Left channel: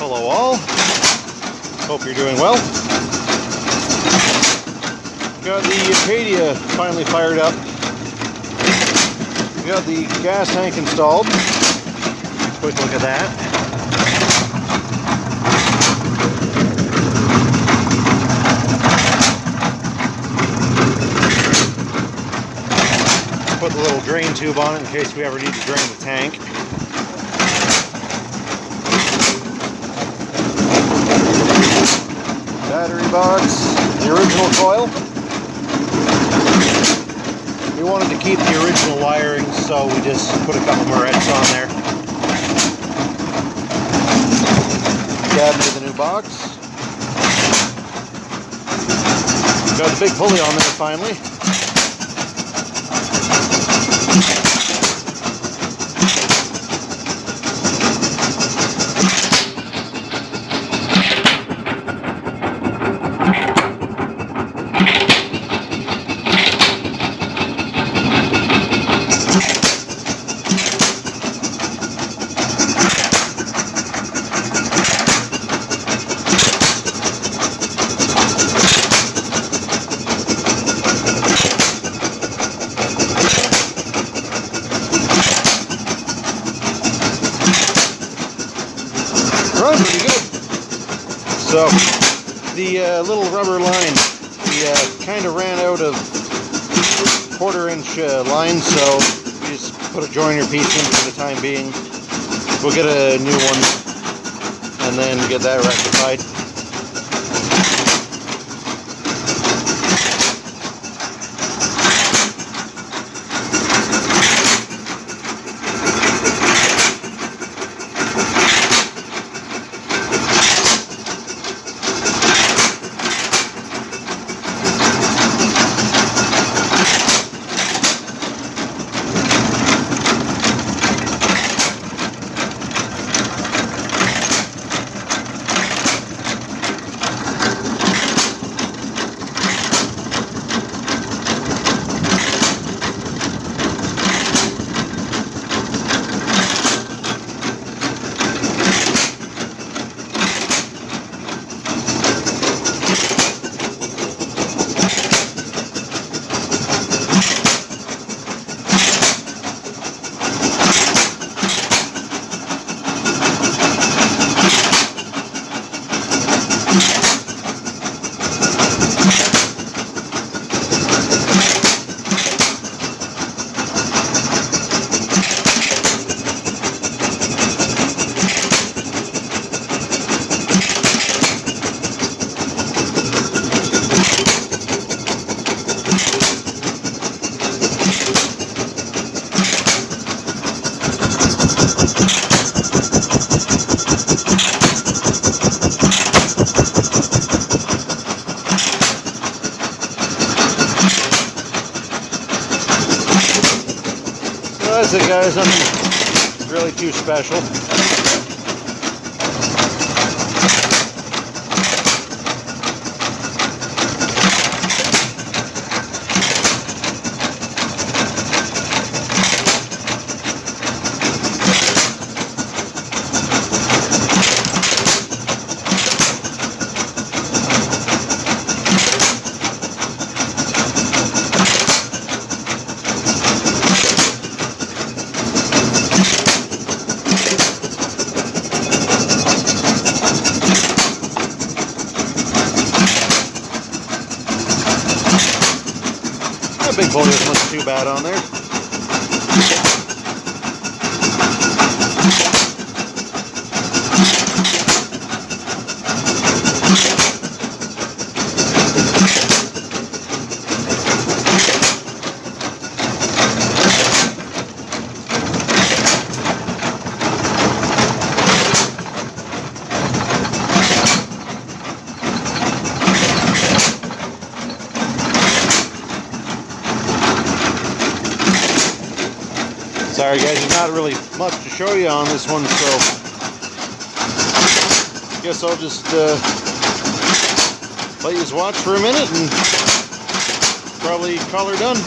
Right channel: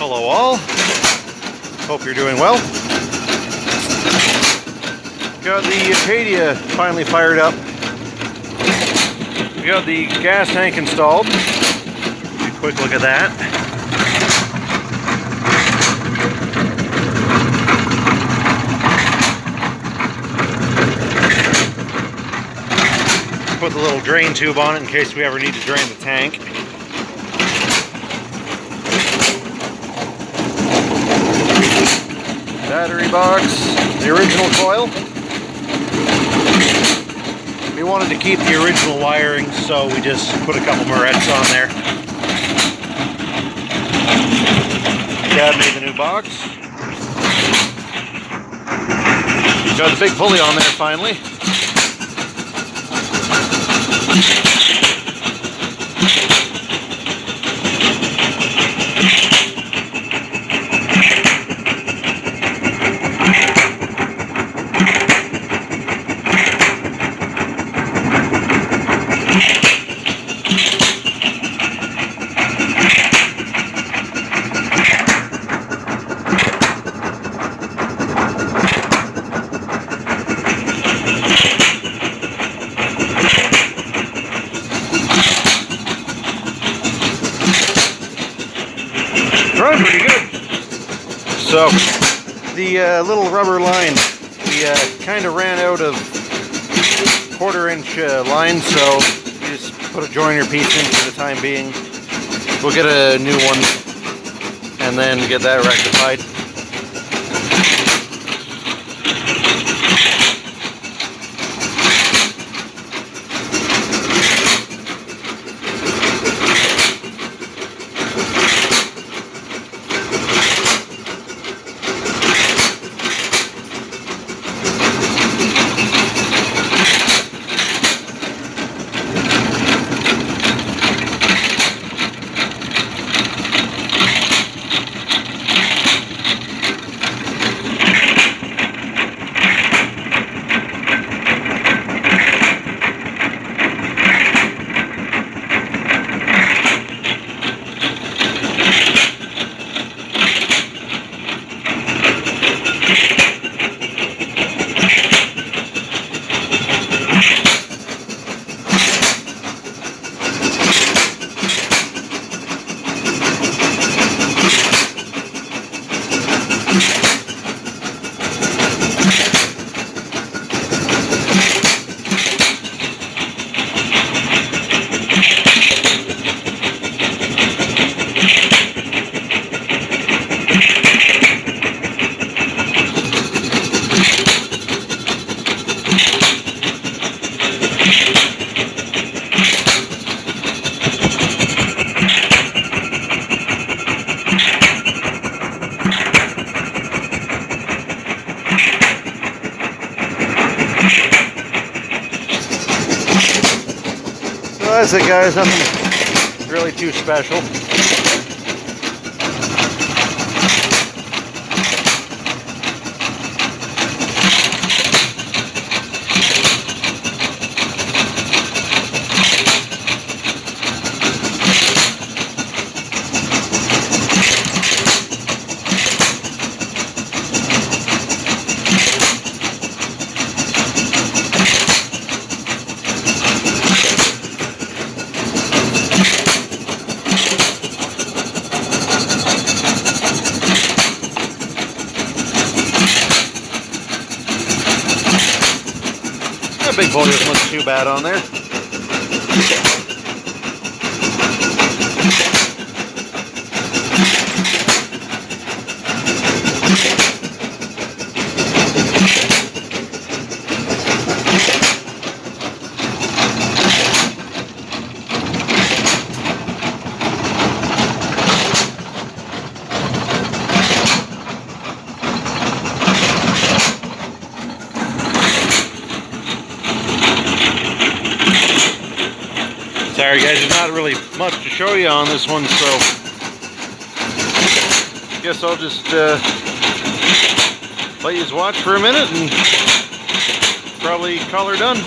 Hello all, hope you're doing well. Got the Acadia finally fired up. We got the gas tank installed. Take a quick look at that. Put the little drain tube on it in case we ever need to drain the tank. Battery box, the original coil. We wanted to keep the original wiring, so we just put a couple morettes on there. Dad made the new box. Got the big pulley on there finally. Run pretty good. So the little rubber line, we kind of ran out of 1/4-inch line, so we just put a joiner piece in for the time being. We'll get a new one and then get that rectified. That's it, guys. Nothing really too special. That big pulley doesn't look too bad on there. Sorry guys, there's not really much to show you on this one, so I guess I'll just let you watch for a minute and probably call her done.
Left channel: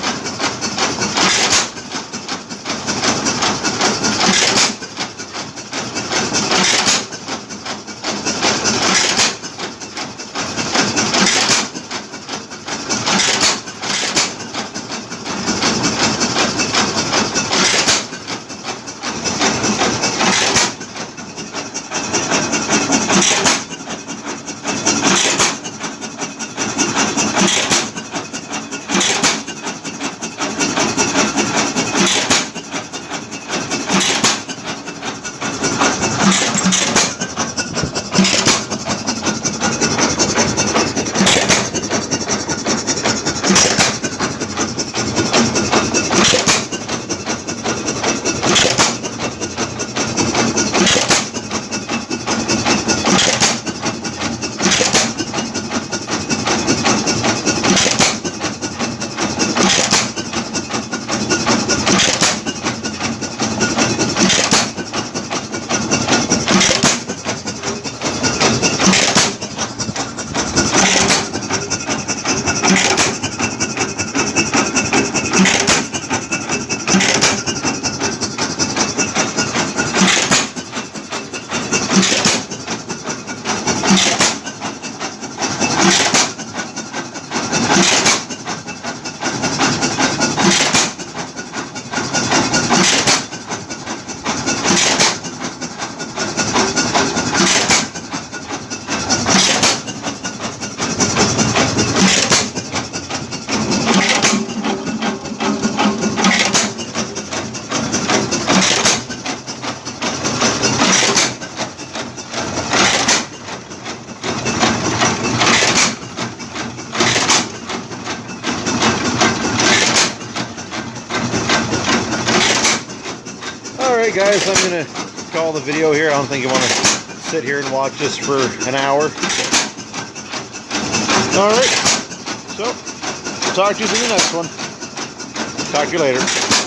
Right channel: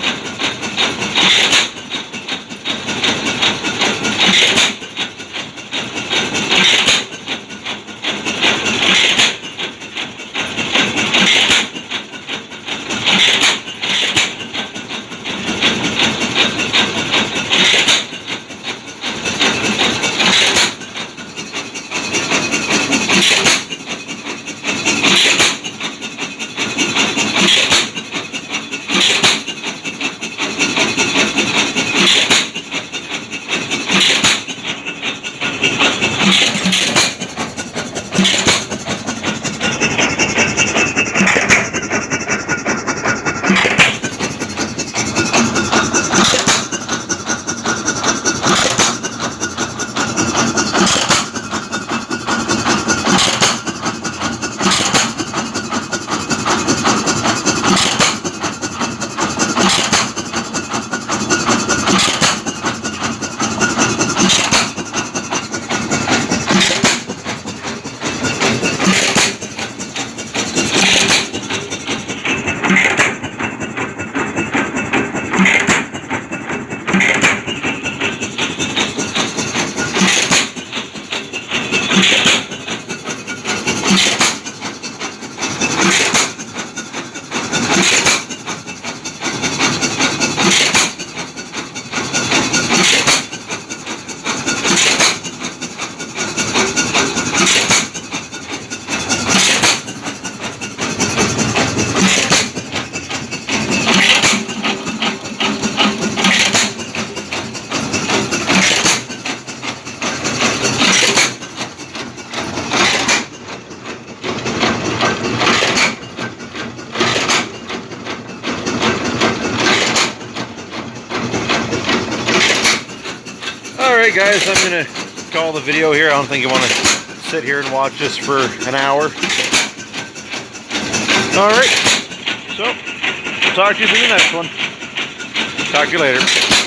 Alright guys, I'm going to call the video here. I don't think you want to sit here and watch this for an hour. Alright, so talk to you in the next one. Talk to you later.